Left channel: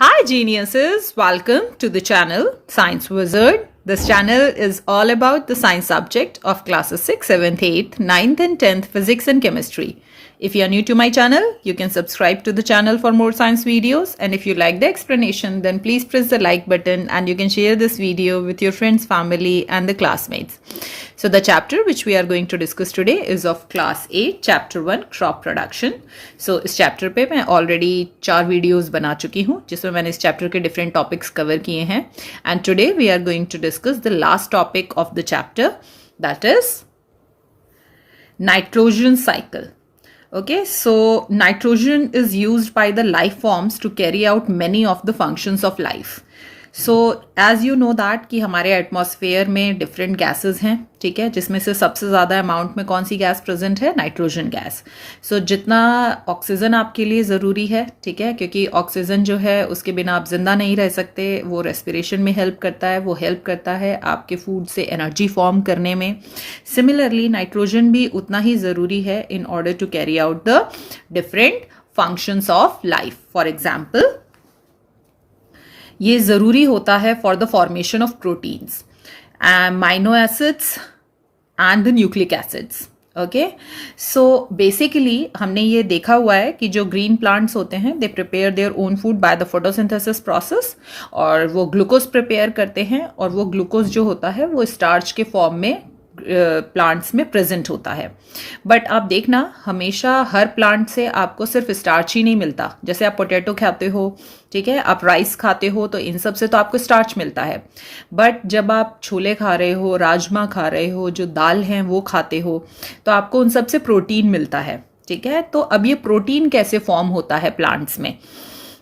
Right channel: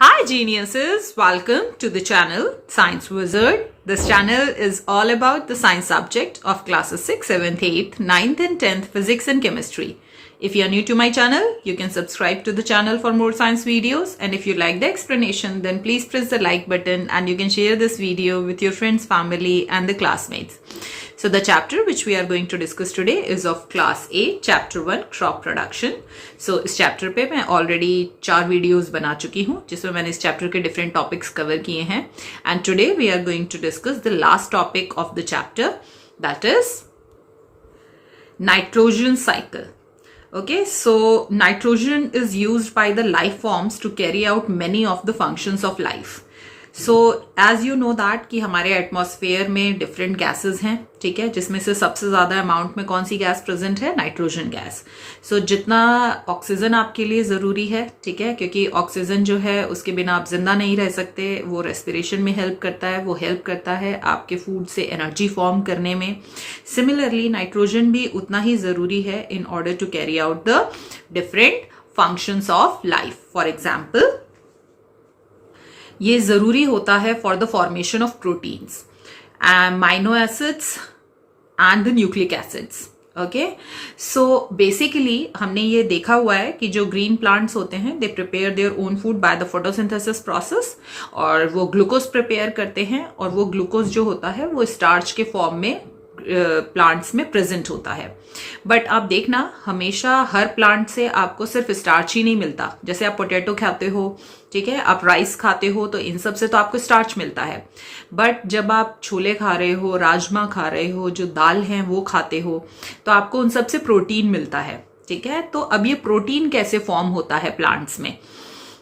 Hi geniuses, welcome to the channel Science Wizard. This channel is all about the science subject of classes 6, 7th, 8th, 9th and 10th physics and chemistry. If you are new to my channel, you can subscribe to the channel for more science videos, and if you like the explanation, then please press the like button and you can share this video with your friends, family and the classmates. So the chapter which we are going to discuss today is of class 8, chapter 1, crop production. So इस chapter पे मैं already 4 videos बना चुकी हूँ जिसमें मैंने इस chapter के different topics cover किए हैं, and today we are going to discuss the last topic of the chapter, that is nitrogen cycle. Okay, so nitrogen is used by the life forms to carry out many of the functions of life. So as you know that कि हमारे atmosphere में different gases हैं, ठीक है, जिसमें से सबसे ज़्यादा अमाउंट में कौन सी गैस प्रेजेंट है? Nitrogen gas. सो जितना ऑक्सीजन आपके लिए ज़रूरी है, ठीक है, क्योंकि ऑक्सीजन जो है उसके बिना आप जिंदा नहीं रह सकते, वो रेस्पिरेशन में हेल्प करता है, वो हेल्प करता है आपके फूड से एनर्जी फॉर्म करने में. सिमिलरली नाइट्रोजन भी उतना ही ज़रूरी है in order to carry out the different functions of life. For example, ये ज़रूरी होता है for the formation of proteins, amino acids and the nucleic acids. Okay, so basically हमने ये देखा हुआ है कि जो ग्रीन प्लांट्स होते हैं they prepare their own food by the photosynthesis process, और वो ग्लूकोज प्रिपेयर करते हैं, और वो ग्लूकोज जो होता है वो स्टार्च के फॉर्म में प्लांट्स में प्रेजेंट होता है. बट आप देखना, हमेशा हर प्लांट से आपको सिर्फ स्टार्च ही नहीं मिलता. जैसे आप पोटैटो खाते हो, ठीक है, आप राइस खाते हो, तो इन सब से तो आपको स्टार्च मिलता है. बट जब आप छोले खा रहे हो, राजमा खा रहे हो, जो दाल हैं वो खाते हो, तो आपको उन सब से प्रोटीन मिलता है. ठीक है, तो अब ये प्रोटीन कैसे फॉर्म होता है प्लांट्स में?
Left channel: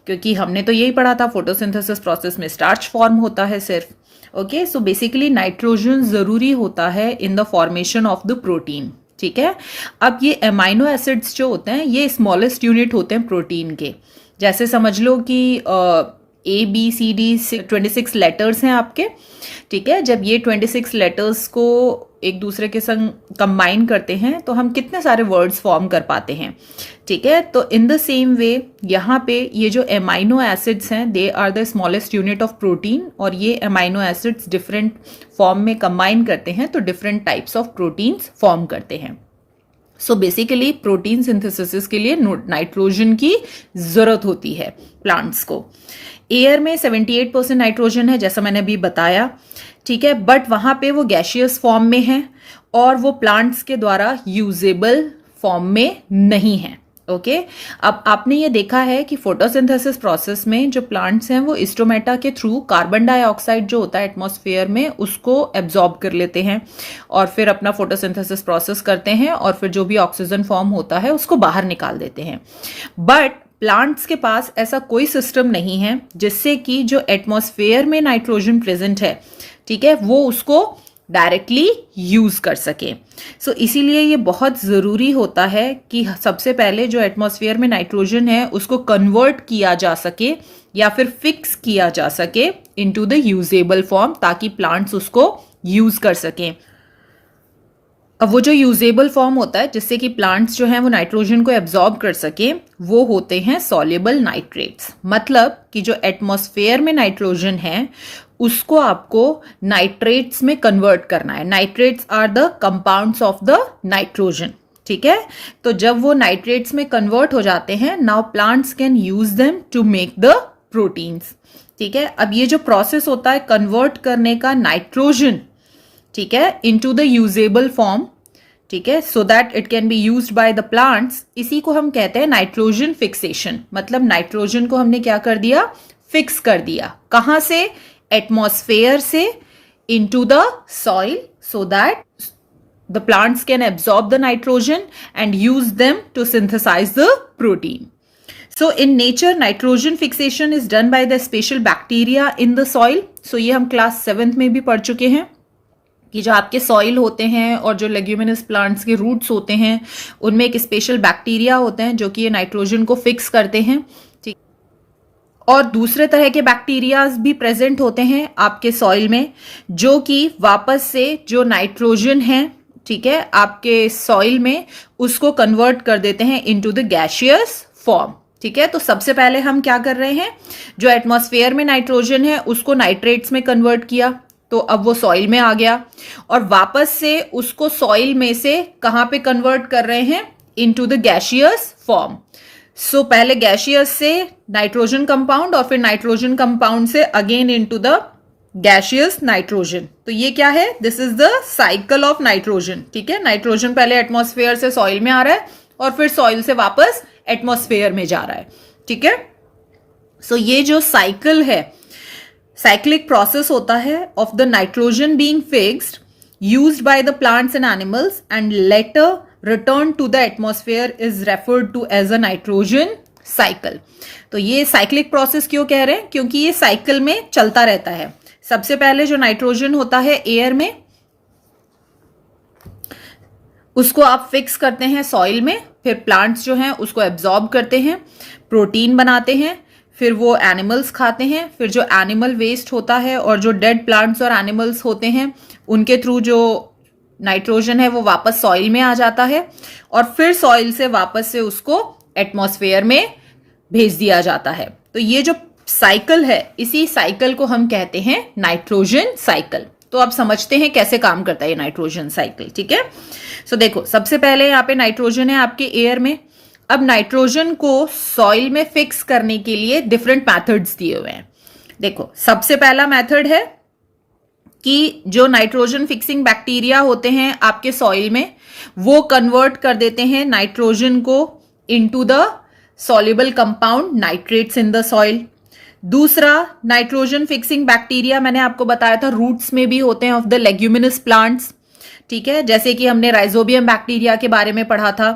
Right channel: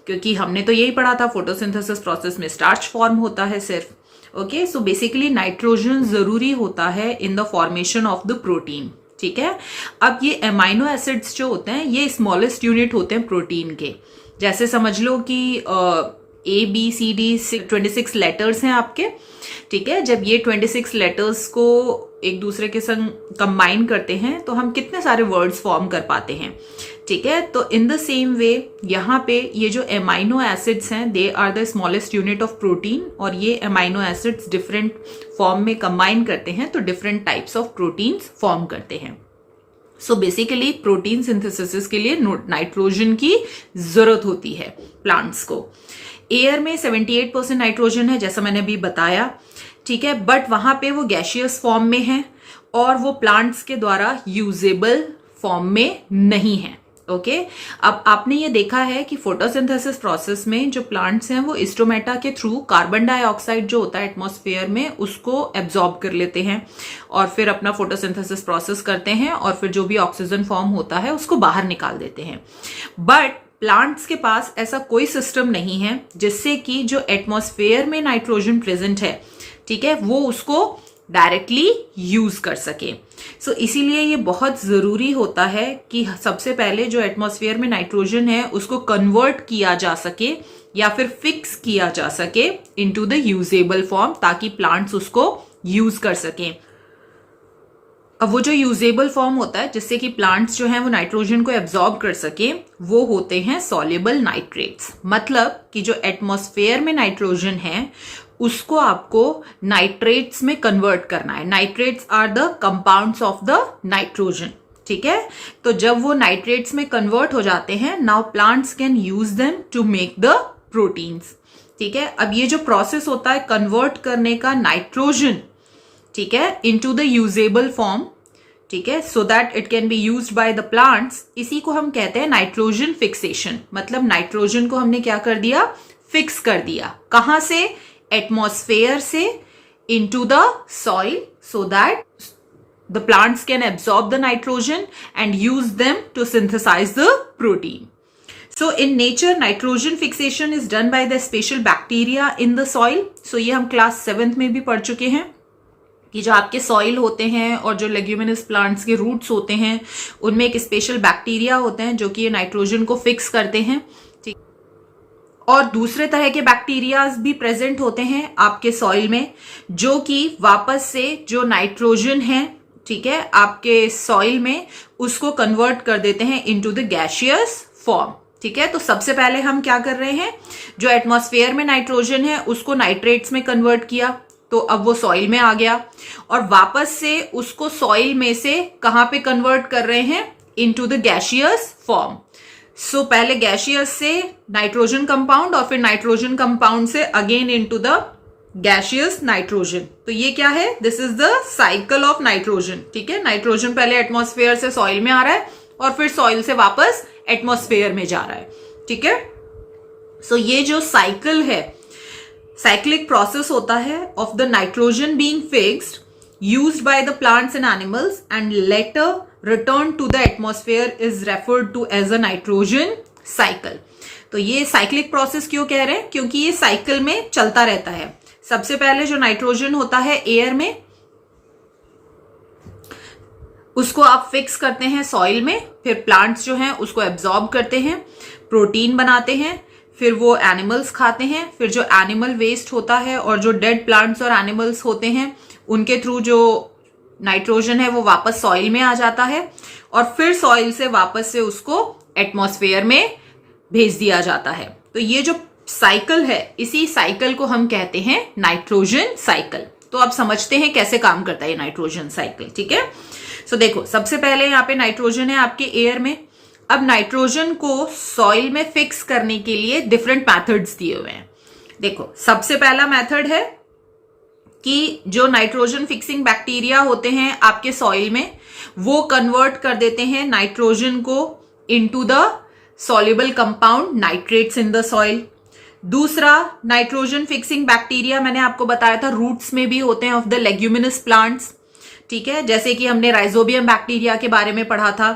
क्योंकि हमने तो यही पढ़ा था फोटोसिंथेसिस प्रोसेस में स्टार्च फॉर्म होता है सिर्फ. ओके, सो बेसिकली नाइट्रोजन जरूरी होता है in the formation of the protein. ठीक है, अब ये अमाइनो एसिड्स जो होते हैं ये स्मॉलेस्ट यूनिट होते हैं प्रोटीन के. जैसे समझ लो कि ABCD 26 लेटर्स हैं आपके. ठीक है, जब ये 26 लेटर्स को एक दूसरे के संग कंबाइन करते हैं तो हम कितने सारे वर्ड्स फॉर्म कर पाते हैं. ठीक है, तो इन द सेम वे यहाँ पे ये जो एमाइनो एसिड्स हैं they are the smallest unit of protein, और ये एमाइनो एसिड्स डिफरेंट फॉर्म में कंबाइन करते हैं तो different types of proteins form करते हैं. सो बेसिकली प्रोटीन सिंथेसिस के लिए नाइट्रोजन की जरूरत होती है प्लांट्स को. एयर में 78% नाइट्रोजन है जैसा मैंने अभी बताया. ठीक है, बट वहां पे वो गैशियस फॉर्म में है और वो प्लांट्स के द्वारा यूजेबल फॉर्म में नहीं है. ओके, अब आपने ये देखा है कि फोटोसिंथेसिस प्रोसेस में जो प्लांट्स हैं वो स्टोमेटा के थ्रू कार्बन डाइऑक्साइड जो होता है एटमॉस्फेयर में उसको एब्जॉर्ब कर लेते हैं और फिर अपना फोटोसिंथेसिस प्रोसेस करते हैं और फिर जो भी ऑक्सीजन फॉर्म होता है उसको बाहर निकाल देते हैं. बट प्लांट्स के पास ऐसा कोई सिस्टम नहीं है जिससे कि जो एटमॉस्फेयर में नाइट्रोजन प्रेजेंट है, ठीक है, वो उसको डायरेक्टली यूज कर सके. सो इसीलिए ये बहुत जरूरी होता है कि सबसे पहले जो एटमॉस्फेयर में नाइट्रोजन है उसको कन्वर्ट किया जा सके या फिर फिक्स किया जा सके इनटू द यूजेबल फॉर्म, ताकि प्लांट्स उसको यूज कर सकें. अब वो जो यूजेबल फॉर्म होता है जिससे कि प्लांट्स जो हैं वो नाइट्रोजन को एब्जॉर्ब कर सके, वो होते हैं सॉल्युबल नाइट्रेट्स. मतलब कि जो एटमॉस्फेयर में नाइट्रोजन है उसको आपको नाइट्रेट्स में कन्वर्ट करना है. Nitrates are the compounds of the nitrogen. ठीक है, तो जब वो नाइट्रेट्स में कन्वर्ट हो जाते हैं, now plants can use them to make the proteins. ठीक है, अब ये जो प्रोसेस होता है कन्वर्ट करने का नाइट्रोजन, ठीक है, इनटू द यूजेबल फॉर्म, ठीक है, so that it can be used by the plants, इसी को हम कहते हैं नाइट्रोजन फिक्सेशन. मतलब नाइट्रोजन को हमने क्या कर दिया? फिक्स कर दिया. कहां से? एटमॉस्फेयर से into the soil, so that the plants can absorb the nitrogen and use them to synthesise the protein. So in nature, nitrogen fixation is done by the special bacteria in the soil. So ये हम class 7th में भी पढ़ चुके हैं कि जो आपके सॉइल होते हैं और जो लेग्यूमिनस प्लांट्स के रूट्स होते हैं उनमें एक स्पेशल बैक्टीरिया होते हैं जो कि ये नाइट्रोजन को फिक्स करते हैं. ठीक, और दूसरे तरह के बैक्टीरियाज भी प्रेजेंट होते हैं आपके सॉइल में जो कि वापस से जो नाइट्रोजन है, ठीक है, आपके सॉइल में उसको कन्वर्ट कर देते हैं इनटू द गैशियस फॉर्म. ठीक है, तो सबसे पहले हम क्या कर रहे हैं, जो एटमॉस्फेयर में नाइट्रोजन है उसको नाइट्रेट्स में कन्वर्ट किया, तो अब वो सॉइल में आ गया, और वापस से उसको सॉइल में से कहां पे कन्वर्ट कर रहे हैं, इनटू द गैसियस फॉर्म। सो पहले गैसियस से नाइट्रोजन कंपाउंड, और फिर नाइट्रोजन कंपाउंड से again into the gaseous nitrogen. तो ये क्या है, this is the cycle of nitrogen. ठीक है, नाइट्रोजन पहले एटमॉस्फेयर से सॉइल में आ रहा है और फिर सॉइल से वापस एटमॉस्फेयर में जा रहा है। ठीक है, सो ये जो साइकिल है, साइक्लिक प्रोसेस होता है of the nitrogen being fixed, used by the plants and animals and later return to the atmosphere, is referred to as a nitrogen cycle. तो ये साइक्लिक प्रोसेस क्यों कह रहे हैं, क्योंकि ये साइकिल में चलता रहता है। सबसे पहले जो नाइट्रोजन होता है एयर में, उसको आप फिक्स करते हैं सॉइल में, फिर प्लांट्स जो हैं उसको एब्जॉर्ब करते हैं, प्रोटीन बनाते हैं, फिर वो एनिमल्स खाते हैं, फिर जो एनिमल वेस्ट होता है और जो डेड प्लांट्स और एनिमल्स होते हैं उनके थ्रू जो नाइट्रोजन है वो वापस सॉइल में आ जाता है, और फिर सॉइल से वापस से उसको एटमॉस्फेयर में भेज दिया जाता है। तो ये जो साइकिल है, इसी साइकिल को हम कहते हैं नाइट्रोजन साइकिल। तो आप समझते हैं कैसे काम करता है ये नाइट्रोजन साइकिल। ठीक है, सो देखो, सबसे पहले यहाँ पे नाइट्रोजन है आपके एयर में। अब नाइट्रोजन को सॉइल में फिक्स करने के लिए डिफरेंट मैथड्स दिए हुए हैं। देखो, सबसे पहला मेथड है कि जो नाइट्रोजन फिक्सिंग बैक्टीरिया होते हैं आपके सॉइल में, वो कन्वर्ट कर देते हैं नाइट्रोजन को into the soluble compound nitrates in the soil. दूसरा नाइट्रोजन फिक्सिंग बैक्टीरिया मैंने आपको बताया था रूट्स में भी होते हैं ऑफ द लेग्यूमिनस प्लांट्स। ठीक है, जैसे कि हमने राइजोबियम बैक्टीरिया के बारे में पढ़ा था,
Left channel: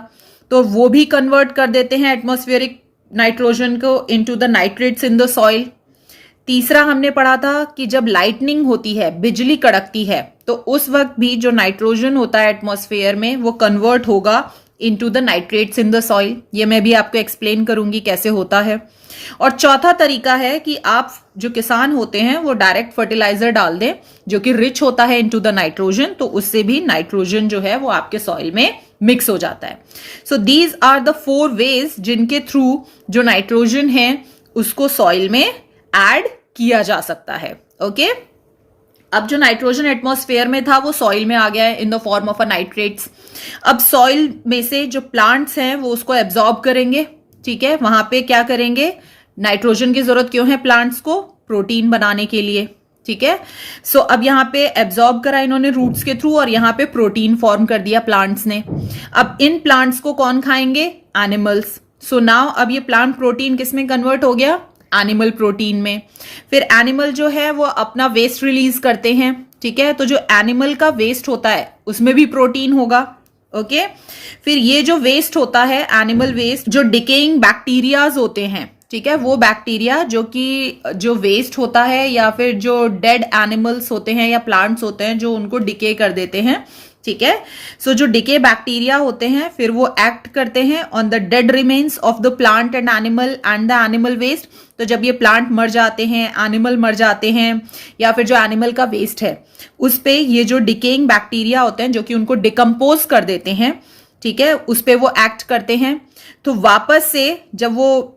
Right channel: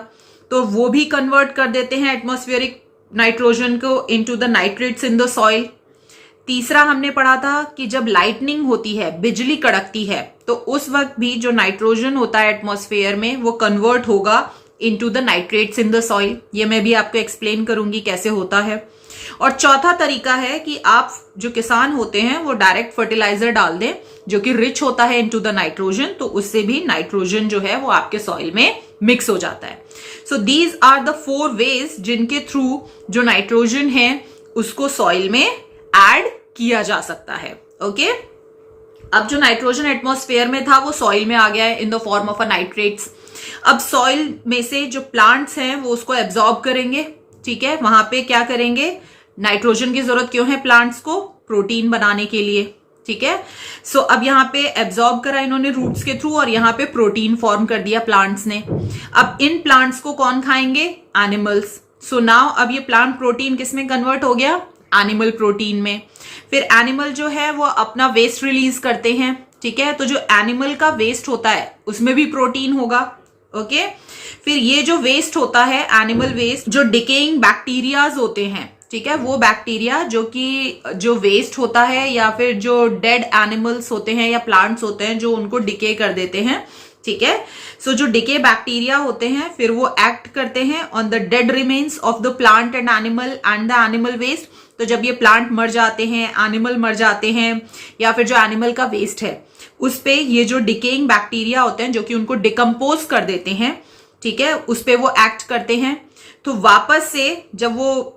तो वो भी कन्वर्ट कर देते हैं एटमॉस्फेरिक नाइट्रोजन को into the nitrates in the soil. तीसरा हमने पढ़ा था कि जब लाइटनिंग होती है, बिजली कड़कती है, तो उस वक्त भी जो नाइट्रोजन होता है एटमॉस्फेयर में वो कन्वर्ट होगा into the nitrates in the soil. ये मैं भी आपको एक्सप्लेन करूंगी कैसे होता है। और चौथा तरीका है कि आप जो किसान होते हैं वो डायरेक्ट फर्टिलाइजर डाल दें जो कि रिच होता है इनटू द नाइट्रोजन, तो उससे भी नाइट्रोजन जो है वो आपके सॉइल में मिक्स हो जाता है। So these are the 4 ways जिनके थ्रू जो नाइट्रोजन है उसको सॉइल में ऐड किया जा सकता है। ओके, अब जो नाइट्रोजन एटमॉस्फेयर में था वो सॉइल में आ गया है in the form of a nitrates. अब सॉइल में से जो प्लांट्स हैं वो उसको एब्जॉर्ब करेंगे। ठीक है, वहां पे क्या करेंगे, नाइट्रोजन की जरूरत क्यों है प्लांट्स को, प्रोटीन बनाने के लिए। ठीक है, सो अब यहाँ पे एब्जॉर्ब करा इन्होंने रूट्स के थ्रू, और यहाँ पे प्रोटीन फॉर्म कर दिया प्लांट्स ने। अब इन प्लांट्स को कौन खाएंगे, एनिमल्स। सो नाउ अब ये प्लांट प्रोटीन किस में कन्वर्ट हो गया, एनिमल प्रोटीन में। फिर एनिमल जो है वो अपना वेस्ट रिलीज करते हैं। ठीक है, तो जो एनिमल का वेस्ट होता है उसमें भी प्रोटीन होगा। ओके, फिर ये जो वेस्ट होता है एनिमल वेस्ट, जो डिकेइंग बैक्टीरियाज होते हैं, ठीक है, वो बैक्टीरिया जो कि जो वेस्ट होता है या फिर जो डेड एनिमल्स होते हैं या प्लांट्स होते हैं जो उनको डिके कर देते हैं। ठीक है, सो जो डिके बैक्टीरिया होते हैं फिर वो एक्ट करते हैं on the dead remains of the plant and the animal waste. तो जब ये प्लांट मर जाते हैं, एनिमल मर जाते हैं, या फिर जो एनिमल का वेस्ट है उस पे ये जो डिकेइंग बैक्टीरिया होते हैं जो कि उनको डिकम्पोज कर देते हैं, ठीक है, उस पे वो एक्ट करते हैं। तो वापस से जब वो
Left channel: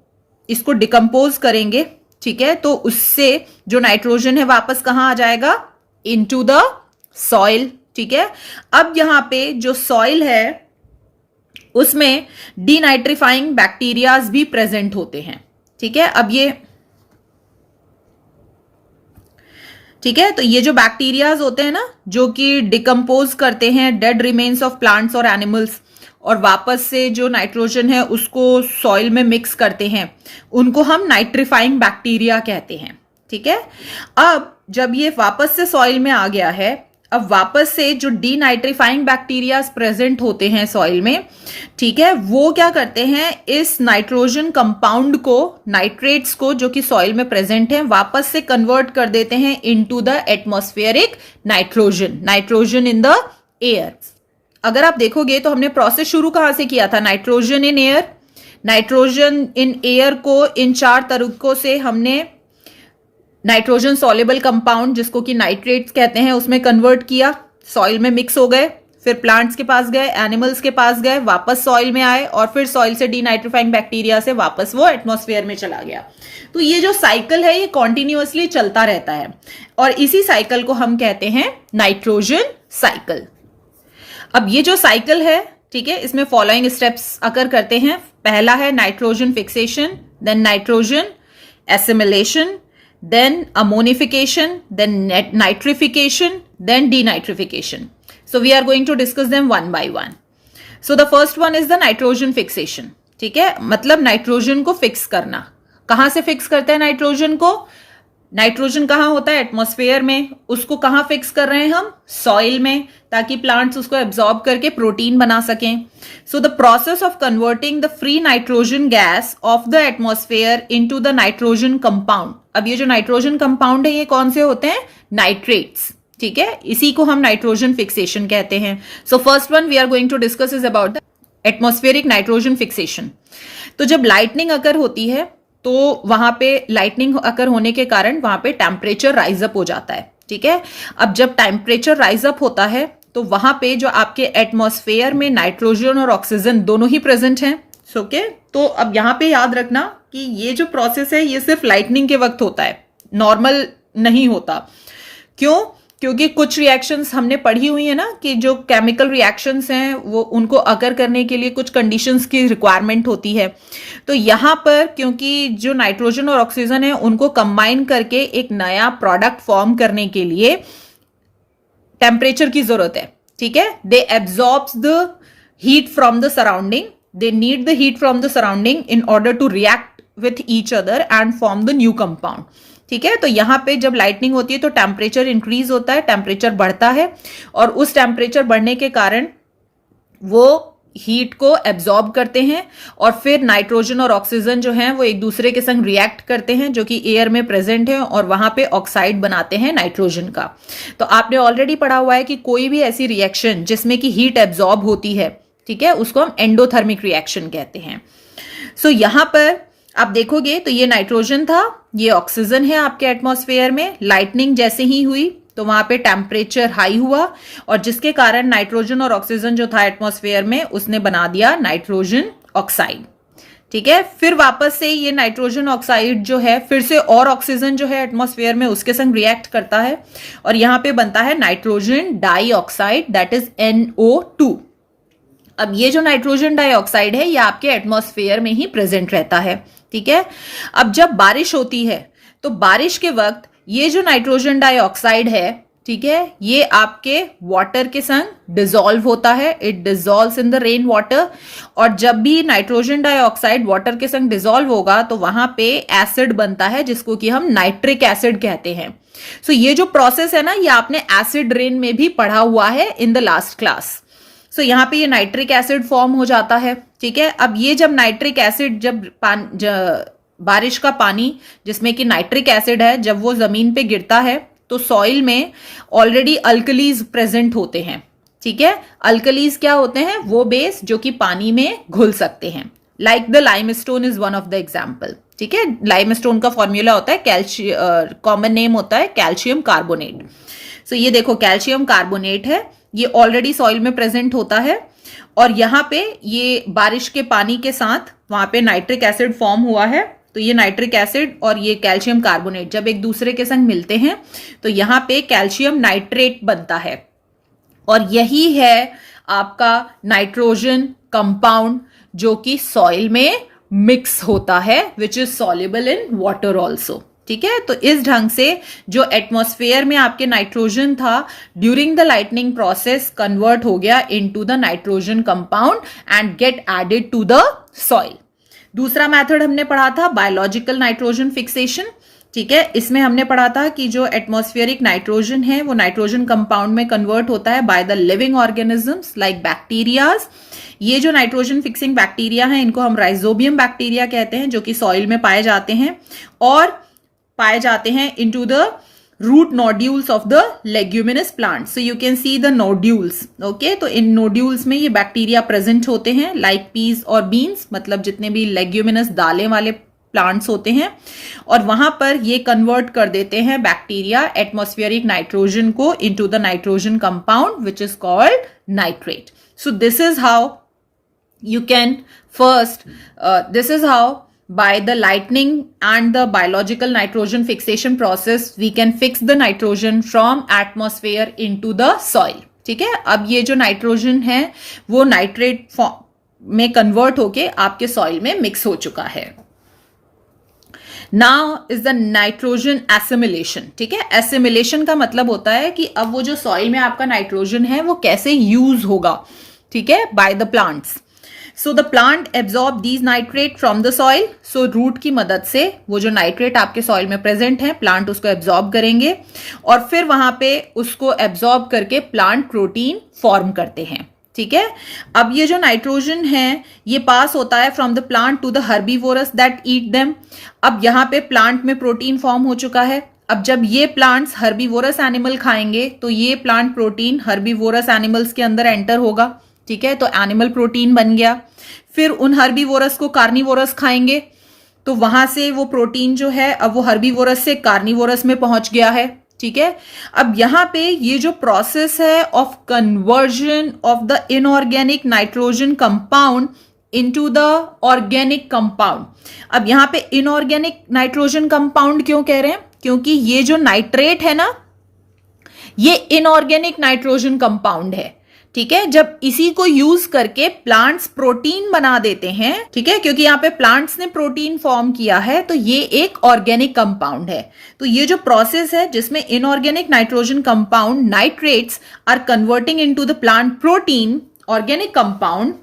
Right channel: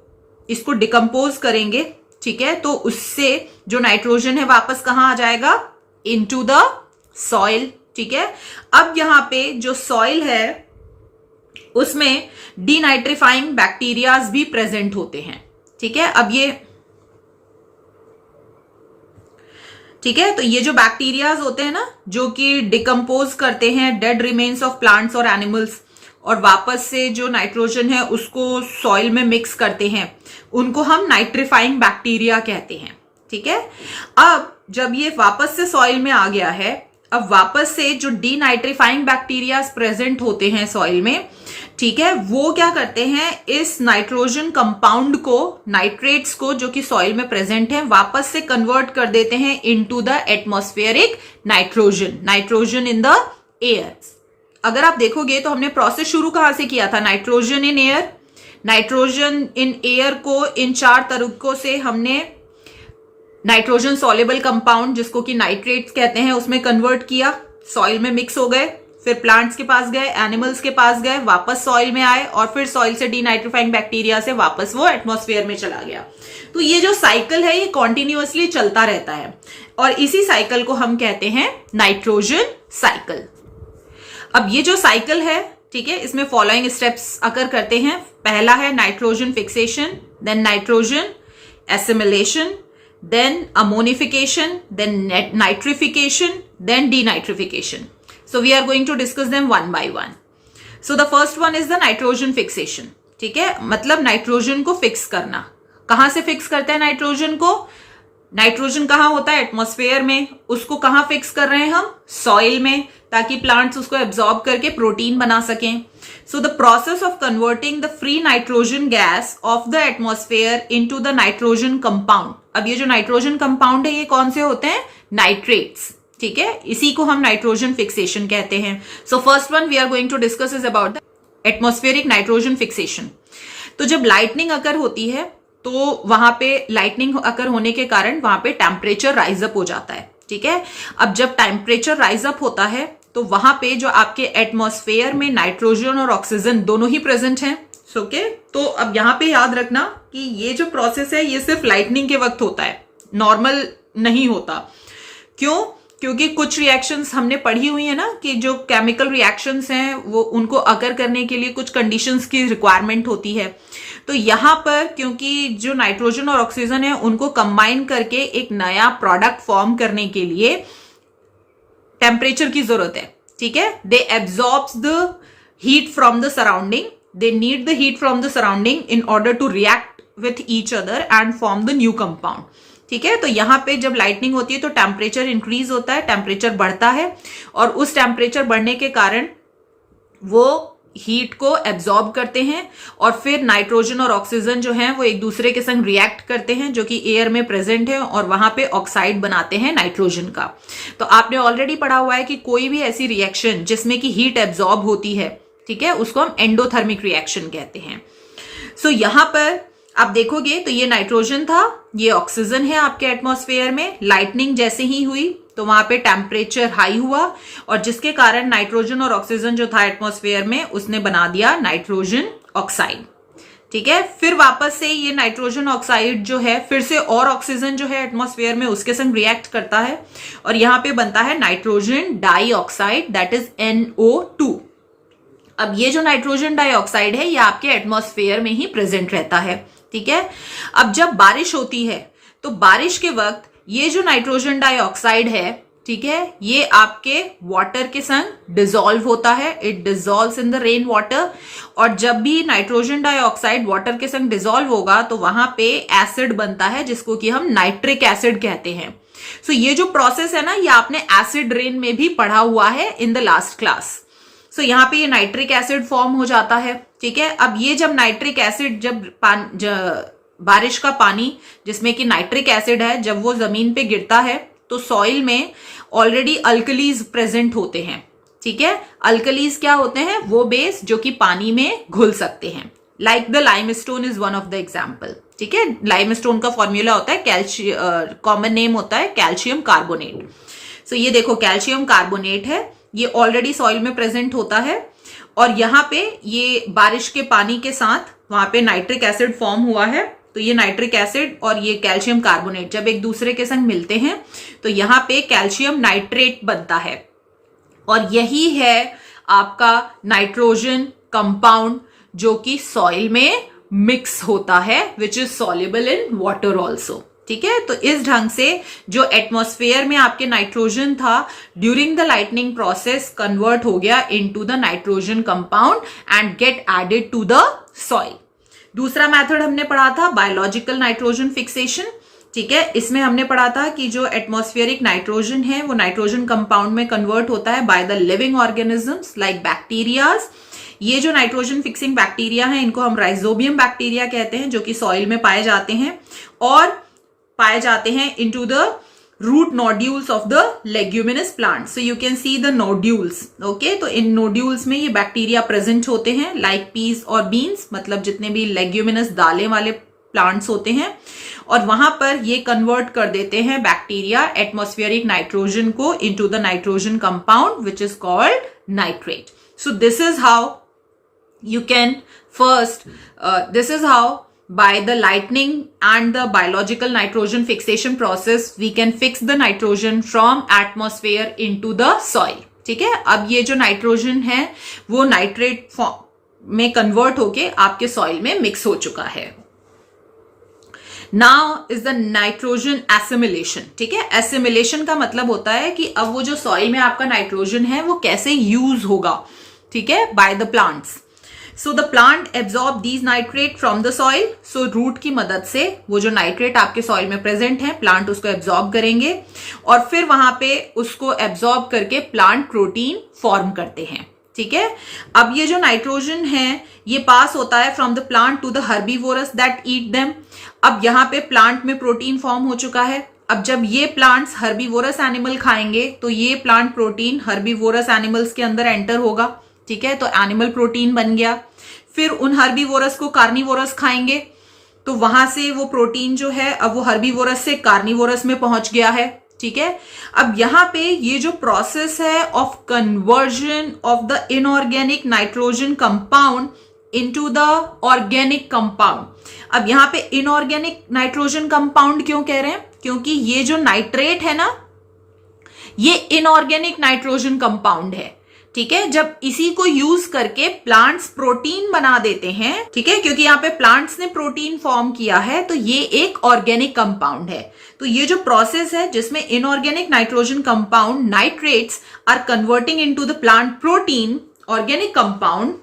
इसको डिकम्पोज करेंगे, ठीक है, तो उससे जो नाइट्रोजन है वापस कहां आ जाएगा, इनटू द सॉइल। ठीक है, अब यहां पे जो सॉइल है उसमें डीनाइट्रीफाइंग बैक्टीरियाज भी प्रेजेंट होते हैं। ठीक है, अब ये ठीक है, तो ये जो बैक्टीरियाज होते हैं ना जो कि डिकम्पोज करते हैं डेड रिमेन्स ऑफ प्लांट्स और एनिमल्स, और वापस से जो नाइट्रोजन है उसको सॉइल में मिक्स करते हैं, उनको हम नाइट्रीफाइंग बैक्टीरिया कहते हैं। ठीक है, अब जब ये वापस से सॉइल में आ गया है, अब वापस से जो डीनाइट्रीफाइंग बैक्टीरिया प्रेजेंट होते हैं सॉइल में, ठीक है, वो क्या करते हैं, इस नाइट्रोजन कंपाउंड को, नाइट्रेट्स को जो कि सॉइल में प्रेजेंट है, वापस से कन्वर्ट कर देते हैं into the atmospheric nitrogen in the air. अगर आप देखोगे तो हमने प्रोसेस शुरू कहां से किया था, nitrogen in air. Nitrogen in air को इन 4 तरीकों से हमने नाइट्रोजन सॉल्युबल कंपाउंड जिसको कि नाइट्रेट्स कहते हैं उसमें कन्वर्ट किया, सॉइल में मिक्स हो गए, फिर प्लांट्स के पास गए, एनिमल्स के पास गए, वापस सॉइल में आए और फिर सॉइल से डीनाइट्रीफाइंग बैक्टीरिया से वापस वो एटमॉस्फेयर में चला गया। तो ये जो साइकिल है ये कॉन्टिन्यूअसली चलता रहता है और इसी साइकिल को हम कहते हैं नाइट्रोजन साइकिल। अब ये जो साइकिल है, ठीक है, इसमें फॉलोइंग स्टेप्स अकर करते हैं। पहला है nitrogen fixation, then nitrogen assimilation, then ammonification, then nitrification, then denitrification. So we are going to discuss them one by one. So the first one is the nitrogen fixation. ठीक है, मतलब nitrogen को fix करना। कहां से fix करते हैं nitrogen को? नाइट्रोजन कहाँ होता है? एटमॉस्फेयर में। उसको कहाँ फिक्स कर रहे हैं हम? सॉइल में, ताकि प्लांट्स उसको एब्जॉर्ब करके प्रोटीन बना सकें। So the process of converting the free nitrogen gas off the atmosphere into the nitrogen compound. अब ये जो नाइट्रोजन कंपाउंड है ये कौन से होते हैं? नाइट्रेट्स। ठीक है, इसी को हम नाइट्रोजन फिक्सेशन कहते हैं। So first one we are going to discuss is about the atmospheric nitrogen fixation. तो जब लाइटनिंग अकर होती है तो वहां पे लाइटनिंग अकर होने के कारण वहां पे टेम्परेचर राइज अप हो जाता है। ठीक है, अब जब टेम्परेचर राइज अप होता है तो वहां पे जो आपके एटमॉस्फेयर में नाइट्रोजन और ऑक्सीजन दोनों ही प्रेजेंट हैं। ओके, तो अब यहां पे याद रखना कि ये जो प्रोसेस है ये सिर्फ लाइटनिंग के वक्त होता है, नॉर्मल नहीं होता। क्यों? क्योंकि कुछ रिएक्शंस हमने पढ़ी हुई है ना कि जो केमिकल रिएक्शंस हैं वो उनको अकर करने के लिए कुछ कंडीशंस की रिक्वायरमेंट होती है। तो यहां पर क्योंकि जो नाइट्रोजन और ऑक्सीजन है उनको कंबाइन करके एक नया प्रोडक्ट फॉर्म करने के लिए टेम्परेचर की जरूरत है। ठीक है, they absorbs the heat from the surrounding, they need the heat from the surrounding in order to react with each other and form the new compound. ठीक है, तो यहां पे जब लाइटनिंग होती है तो टेम्परेचर इंक्रीज होता है, टेम्परेचर बढ़ता है और उस टेम्परेचर बढ़ने के कारण वो हीट को एब्जॉर्ब करते हैं और फिर नाइट्रोजन और ऑक्सीजन जो हैं वो एक दूसरे के संग रिएक्ट करते हैं जो कि एयर में प्रेजेंट है और वहां पे ऑक्साइड बनाते हैं नाइट्रोजन का। तो आपने ऑलरेडी पढ़ा हुआ है कि कोई भी ऐसी रिएक्शन जिसमें कि हीट एब्जॉर्ब होती है, ठीक है, उसको हम एंडोथर्मिक रिएक्शन कहते हैं। सो यहां पर आप देखोगे तो ये नाइट्रोजन था, ये ऑक्सीजन है आपके एटमॉस्फेयर में। लाइटनिंग जैसे ही हुई तो वहां पे टेम्परेचर हाई हुआ और जिसके कारण नाइट्रोजन और ऑक्सीजन जो था एटमॉस्फेयर में उसने बना दिया नाइट्रोजन ऑक्साइड। ठीक है, फिर वापस से ये नाइट्रोजन ऑक्साइड जो है फिर से और ऑक्सीजन जो है एटमॉस्फेयर में उसके संग रिएक्ट करता है और यहां पे बनता है nitrogen dioxide, that is NO2। अब ये जो नाइट्रोजन डाइऑक्साइड है ये आपके एटमॉस्फेयर में ही प्रेजेंट रहता है। ठीक है, अब जब बारिश होती है तो बारिश के वक्त ये जो नाइट्रोजन डाइऑक्साइड है, ठीक है, ये आपके वाटर के संग डिसॉल्व होता है, it dissolves in the rain water. और जब भी नाइट्रोजन डाइऑक्साइड वाटर के संग डिसॉल्व होगा तो वहां पे एसिड बनता है जिसको कि हम नाइट्रिक एसिड कहते हैं। सो ये जो प्रोसेस है ना ये आपने एसिड रेन में भी पढ़ा हुआ है इन द लास्ट क्लास। सो यहाँ पे ये नाइट्रिक एसिड फॉर्म हो जाता है। ठीक है, अब ये जब नाइट्रिक एसिड जब बारिश का पानी जिसमें कि नाइट्रिक एसिड है जब वो जमीन पे गिरता है तो सॉइल में ऑलरेडी अल्कलीज प्रेजेंट होते हैं। ठीक है, अल्कलीज क्या होते हैं? वो बेस जो कि पानी में घुल सकते हैं। Like the limestone is one of the example. ठीक है, लाइमस्टोन का फॉर्मूला होता है कॉमन नेम होता है कैल्शियम कार्बोनेट। सो ये देखो कैल्शियम कार्बोनेट है, ये ऑलरेडी सॉइल में प्रेजेंट होता है और यहाँ पे ये बारिश के पानी के साथ वहां पे नाइट्रिक एसिड फॉर्म हुआ है। तो ये नाइट्रिक एसिड और ये कैल्शियम कार्बोनेट जब एक दूसरे के संग मिलते हैं तो यहाँ पे कैल्शियम नाइट्रेट बनता है और यही है आपका नाइट्रोजन कंपाउंड जो कि सॉइल में मिक्स होता है, which is soluble in water also. ठीक है, तो इस ढंग से जो एटमॉस्फेयर में आपके नाइट्रोजन था during the lightning process convert हो गया into the nitrogen compound and get added to the soil. दूसरा मेथड हमने पढ़ा था बायोलॉजिकल नाइट्रोजन फिक्सेशन। ठीक है, इसमें हमने पढ़ा था कि जो एटमॉस्फेरिक नाइट्रोजन है वो नाइट्रोजन कंपाउंड में कन्वर्ट होता है by the living organisms like bacterias. ये जो नाइट्रोजन फिक्सिंग बैक्टीरिया हैं इनको हम राइजोबियम बैक्टीरिया कहते हैं जो कि सॉइल में पाए जाते हैं और पाए जाते हैं into the root nodules of the leguminous plant. So you can see the nodules. Okay, तो इन नोड्यूल्स में ये बैक्टीरिया प्रेजेंट होते हैं लाइक पीस और बीन्स, मतलब जितने भी लेग्यूमिनस दालें वाले प्लांट्स होते हैं, और वहां पर ये कन्वर्ट कर देते हैं बैक्टीरिया एटमॉस्फेरिक नाइट्रोजन को into the nitrogen compound which is called nitrate. So this is how you can first this is how by the lightning and the biological nitrogen fixation process we can fix the nitrogen from atmosphere into the soil. ठीक है, अब ये जो nitrogen है वो nitrate में convert होके आपके सॉइल में मिक्स हो चुका है. Now is the nitrogen assimilation. ठीक है, एसिमिलेशन का मतलब होता है कि अब वो जो सॉइल में आपका नाइट्रोजन है वो कैसे यूज होगा. ठीक है, by the plants. So the plant absorb these nitrate from the soil. So root की मदद से वो जो नाइट्रेट आपके सॉइल में प्रेजेंट है प्लांट उसको एब्जॉर्ब करेंगे और फिर वहां पे उसको एब्जॉर्ब करके प्लांट प्रोटीन फॉर्म करते हैं. ठीक है, अब ये जो नाइट्रोजन है ये पास होता है from the plant to the herbivorous that eat them. अब यहाँ पे प्लांट में प्रोटीन फॉर्म हो चुका है. अब जब ये प्लांट्स हर्बीवोरस एनिमल खाएंगे तो ये प्लांट प्रोटीन हर्बीवोरस एनिमल्स के अंदर एंटर होगा. ठीक है, तो एनिमल प्रोटीन बन गया. फिर उन हर्बीवोरस को कार्निवोरस खाएंगे तो वहां से वो प्रोटीन जो है अब वो हर्बीवोरस से कार्निवोरस में पहुंच गया है. ठीक है, अब यहां पे ये जो प्रोसेस है of conversion of the inorganic nitrogen compound into the organic compound. अब यहां पे इनऑर्गेनिक नाइट्रोजन कंपाउंड क्यों कह रहे हैं, क्योंकि ये जो नाइट्रेट है ना ये इनऑर्गेनिक नाइट्रोजन कंपाउंड है. ठीक है, जब इसी को यूज करके प्लांट्स प्रोटीन बना देते हैं, ठीक है, क्योंकि यहाँ पे प्लांट्स ने प्रोटीन फॉर्म किया है तो ये एक ऑर्गेनिक कंपाउंड है. तो ये जो प्रोसेस है जिसमें inorganic nitrogen compound nitrates are converting into the plant protein organic compound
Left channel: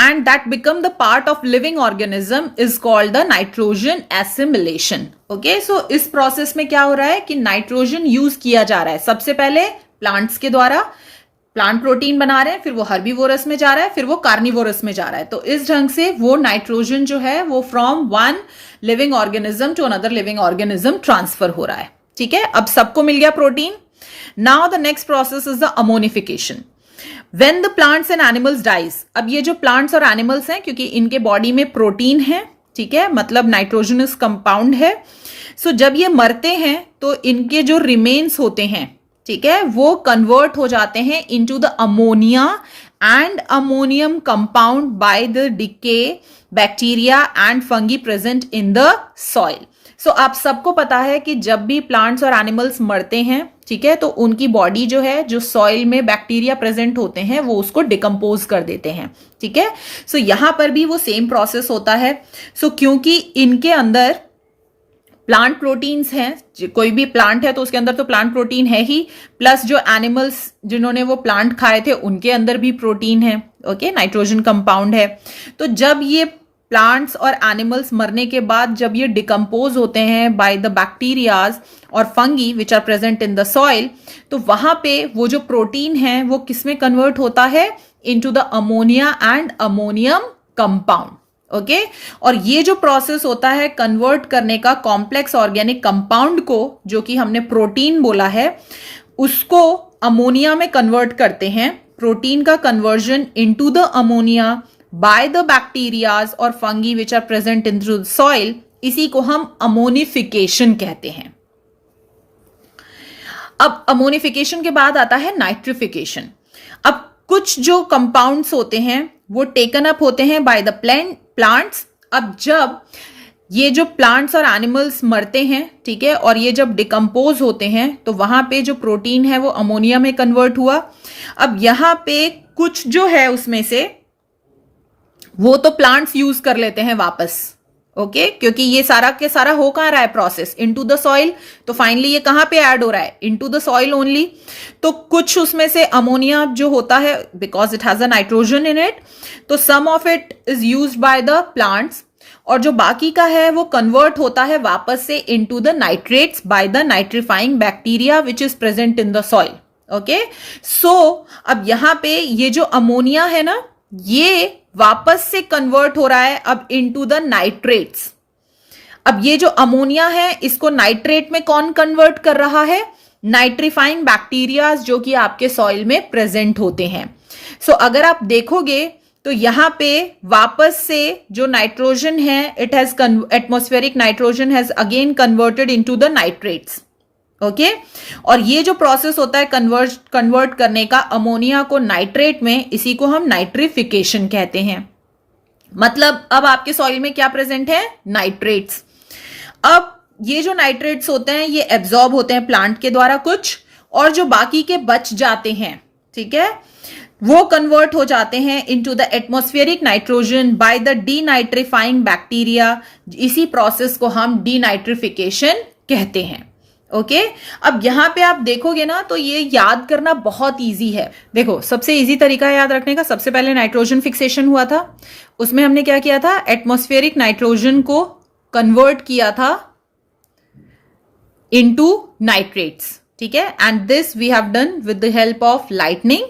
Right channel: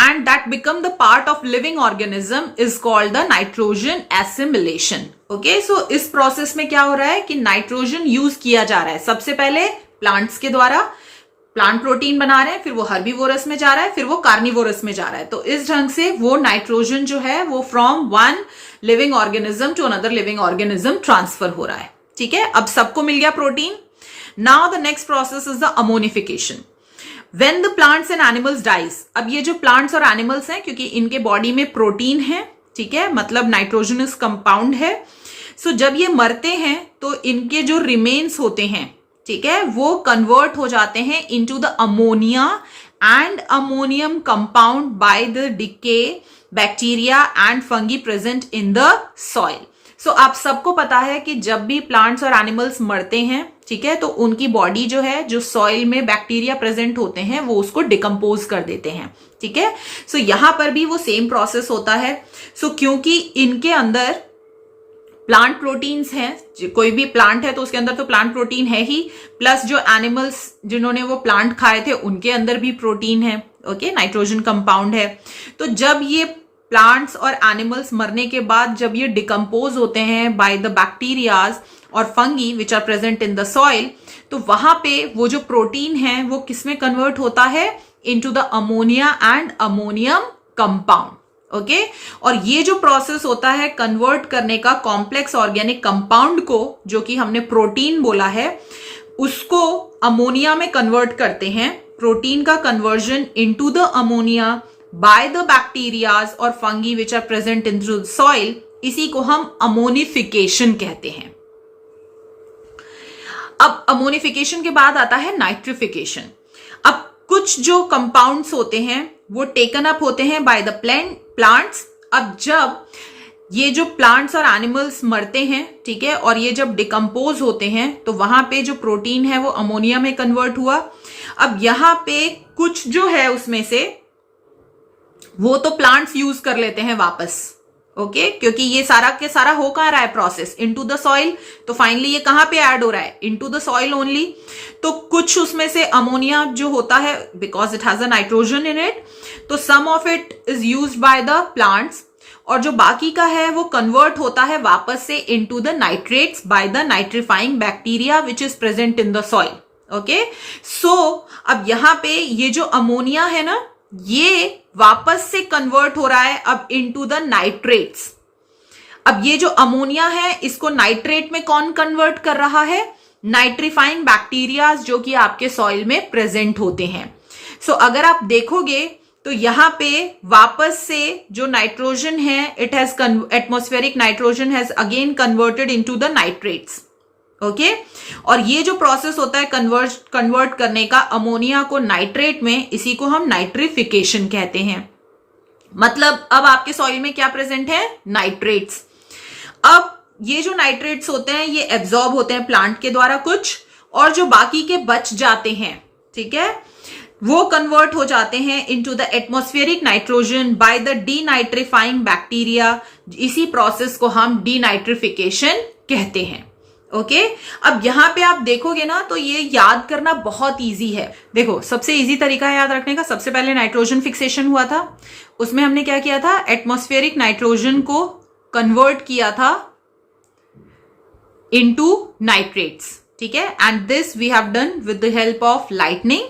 and that become the part of living organism is called the nitrogen assimilation. Okay, so इस प्रोसेस में क्या हो रहा है कि नाइट्रोजन यूज किया जा रहा है. सबसे पहले प्लांट्स के द्वारा प्लांट प्रोटीन बना रहे हैं, फिर वो हर्बीवोरस में जा रहा है, फिर वो कार्निवोरस में जा रहा है. तो इस ढंग से वो नाइट्रोजन जो है वो from one living organism to another living organism transfer हो रहा है. ठीक है, अब सबको मिल गया protein. Now the next process is the ammonification. When the plants and animals dies, अब ये जो प्लांट्स और एनिमल्स हैं क्योंकि इनके बॉडी में प्रोटीन है, ठीक है, मतलब नाइट्रोजनस कंपाउंड है. सो जब ये मरते हैं तो इनके जो रिमेन्स होते हैं, ठीक है, वो कन्वर्ट हो जाते हैं into the ammonia and ammonium compound by the decay bacteria and fungi present in the soil. So आप सबको पता है कि जब भी प्लांट्स और एनिमल्स मरते हैं, ठीक है, तो उनकी बॉडी जो है जो सॉइल में बैक्टीरिया प्रेजेंट होते हैं वो उसको डिकम्पोज कर देते हैं. ठीक है, सो यहां पर भी वो सेम प्रोसेस होता है. सो क्योंकि इनके अंदर प्लांट प्रोटीन्स हैं, कोई भी प्लांट है तो उसके अंदर तो प्लांट प्रोटीन है ही, प्लस जो एनिमल्स जिन्होंने वो प्लांट खाए थे उनके अंदर भी प्रोटीन है. ओके, नाइट्रोजन कंपाउंड है. तो जब ये प्लांट्स और एनिमल्स मरने के बाद जब ये डिकम्पोज होते हैं बाय द बैक्टीरियाज और fungi which are present in the soil, तो वहां पे वो जो प्रोटीन है वो किसमें कन्वर्ट होता है, into the ammonia and ammonium compound. Okay, और ये जो प्रोसेस होता है कन्वर्ट करने का कॉम्प्लेक्स ऑर्गेनिक कंपाउंड को, जो कि हमने प्रोटीन बोला है, उसको अमोनिया में कन्वर्ट करते हैं. प्रोटीन का conversion into the ammonia by the bacterias और fungi which are present in the soil, इसी को हम अमोनिफिकेशन कहते हैं. अब अमोनिफिकेशन के बाद आता है नाइट्रिफिकेशन. अब कुछ जो कंपाउंड्स होते हैं वो टेकन अप होते हैं बाय द प्लांट्स. अब जब ये जो प्लांट्स और एनिमल्स मरते हैं, ठीक है, और ये जब डिकम्पोज होते हैं तो वहां पे जो प्रोटीन है वो अमोनिया में कन्वर्ट हुआ. अब यहां पे कुछ जो है उसमें से वो तो प्लांट्स यूज कर लेते हैं वापस. ओके, क्योंकि ये सारा के सारा हो कहां रहा है प्रोसेस, इनटू द सॉइल. तो फाइनली ये कहां पे ऐड हो रहा है, इनटू द सॉइल ओनली. तो कुछ उसमें से अमोनिया जो होता है, because it has a nitrogen in it, तो some of it is used by the plants, और जो बाकी का है वो कन्वर्ट होता है वापस से into the nitrates by the nitrifying bacteria which is present in the soil. Okay, so अब यहां पे ये जो अमोनिया है ना ये वापस से कन्वर्ट हो रहा है अब इनटू द नाइट्रेट्स. अब ये जो अमोनिया है इसको नाइट्रेट में कौन कन्वर्ट कर रहा है, नाइट्रीफाइंग बैक्टीरिया जो कि आपके सॉइल में प्रेजेंट होते हैं. सो अगर आप देखोगे तो यहां पे वापस से जो नाइट्रोजन है, it has atmospheric nitrogen has again converted into the nitrates. Okay, और ये जो प्रोसेस होता है कन्वर्ट करने का अमोनिया को नाइट्रेट में, इसी को हम नाइट्रिफिकेशन कहते हैं। मतलब अब आपके सॉइल में क्या प्रेजेंट है? नाइट्रेट्स। अब ये जो नाइट्रेट्स होते हैं ये एब्जॉर्ब होते हैं प्लांट के द्वारा कुछ, और जो बाकी के बच जाते हैं, ठीक है, वो कन्वर्ट हो जाते हैं into the atmospheric nitrogen by the denitrifying bacteria. इसी प्रोसेस को हम डीनाइट्रिफिकेशन कहते हैं। ओके, अब यहां पे आप देखोगे ना तो ये याद करना बहुत इजी है। देखो, सबसे इजी तरीका है याद रखने का, सबसे पहले नाइट्रोजन फिक्सेशन हुआ था, उसमें हमने क्या किया था? एटमॉस्फेरिक नाइट्रोजन को कन्वर्ट किया था इनटू नाइट्रेट्स, ठीक है, and this we have done with the help of lightning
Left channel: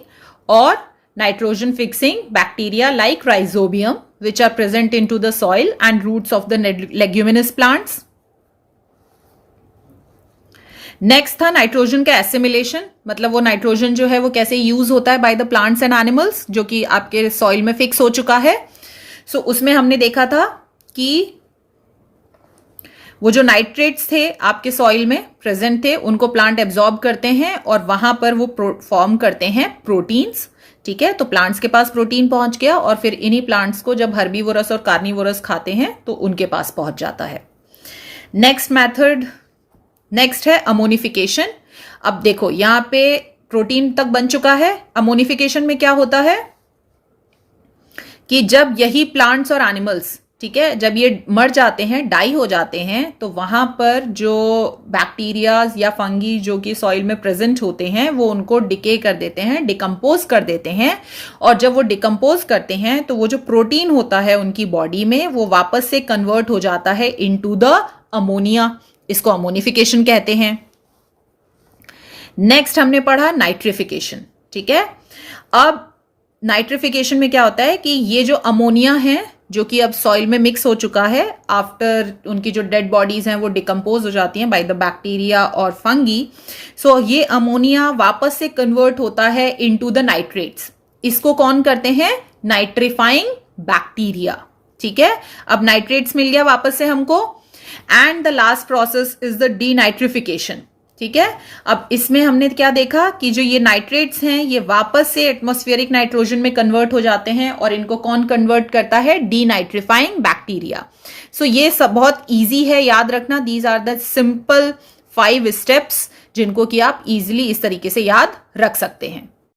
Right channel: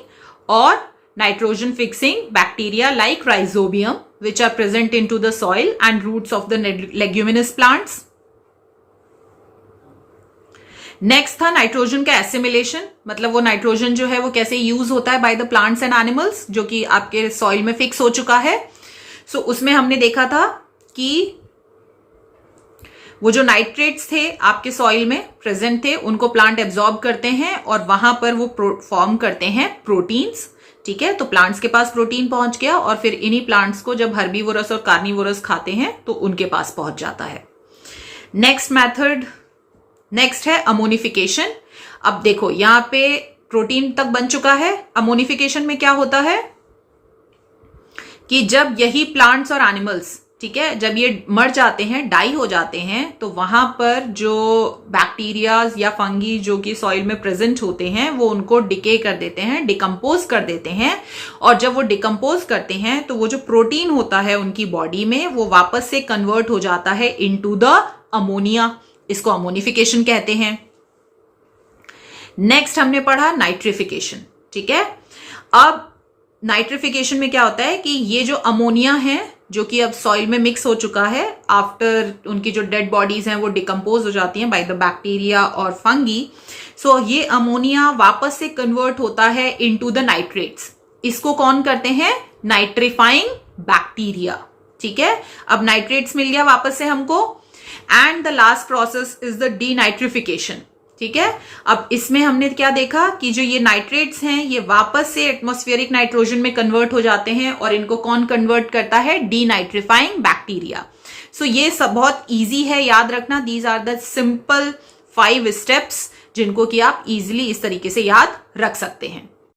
और nitrogen fixing bacteria like rhizobium which are present into the soil and roots of the leguminous plants. Next था nitrogen का assimilation, मतलब वो nitrogen जो है वो कैसे use होता है by the plants and animals, जो कि आपके सॉइल में फिक्स हो चुका है। सो उसमें हमने देखा था कि वो जो नाइट्रेट्स थे आपके सॉइल में प्रेजेंट थे, उनको प्लांट एब्जॉर्ब करते हैं और वहां पर वो फॉर्म करते हैं प्रोटीन्स, ठीक है। तो प्लांट्स के पास प्रोटीन पहुंच गया और फिर इन्हीं प्लांट्स को जब हर्बीवोरस और कार्निवोरस खाते हैं तो उनके पास पहुंच जाता है। नेक्स्ट है अमोनिफिकेशन। अब देखो यहां पे प्रोटीन तक बन चुका है। अमोनिफिकेशन में क्या होता है कि जब यही प्लांट्स और एनिमल्स, ठीक है, जब ये मर जाते हैं, डाई हो जाते हैं, तो वहां पर जो बैक्टीरियाज या फंगी जो कि सॉइल में प्रेजेंट होते हैं वो उनको डिके कर देते हैं, डिकम्पोज कर देते हैं। और जब वो डिकम्पोज करते हैं तो वो जो प्रोटीन होता है उनकी बॉडी में वो वापस से कन्वर्ट हो जाता है इनटू द अमोनिया। इसको अमोनिफिकेशन कहते हैं। नेक्स्ट हमने पढ़ा नाइट्रिफिकेशन, ठीक है। अब नाइट्रिफिकेशन में क्या होता है कि ये जो अमोनिया है जो कि अब सॉइल में मिक्स हो चुका है, आफ्टर उनकी जो डेड बॉडीज हैं वो डिकम्पोज हो जाती हैं बाय द बैक्टीरिया और फंगी। सो ये अमोनिया वापस से कन्वर्ट होता है इनटू द नाइट्रेट्स। इसको कौन करते हैं? नाइट्रीफाइंग बैक्टीरिया, ठीक है। अब नाइट्रेट्स मिल गया वापस से हमको, and the last process is the denitrification, ठीक है। अब इसमें हमने क्या देखा कि जो ये नाइट्रेट्स हैं ये वापस से एटमॉस्फेरिक नाइट्रोजन में कन्वर्ट हो जाते हैं और इनको कौन कन्वर्ट करता है? डीनाइट्रिफाइंग बैक्टीरिया। सो ये सब बहुत इजी है याद रखना। These are the simple 5 steps जिनको कि आप इजीली इस तरीके से याद रख सकते हैं।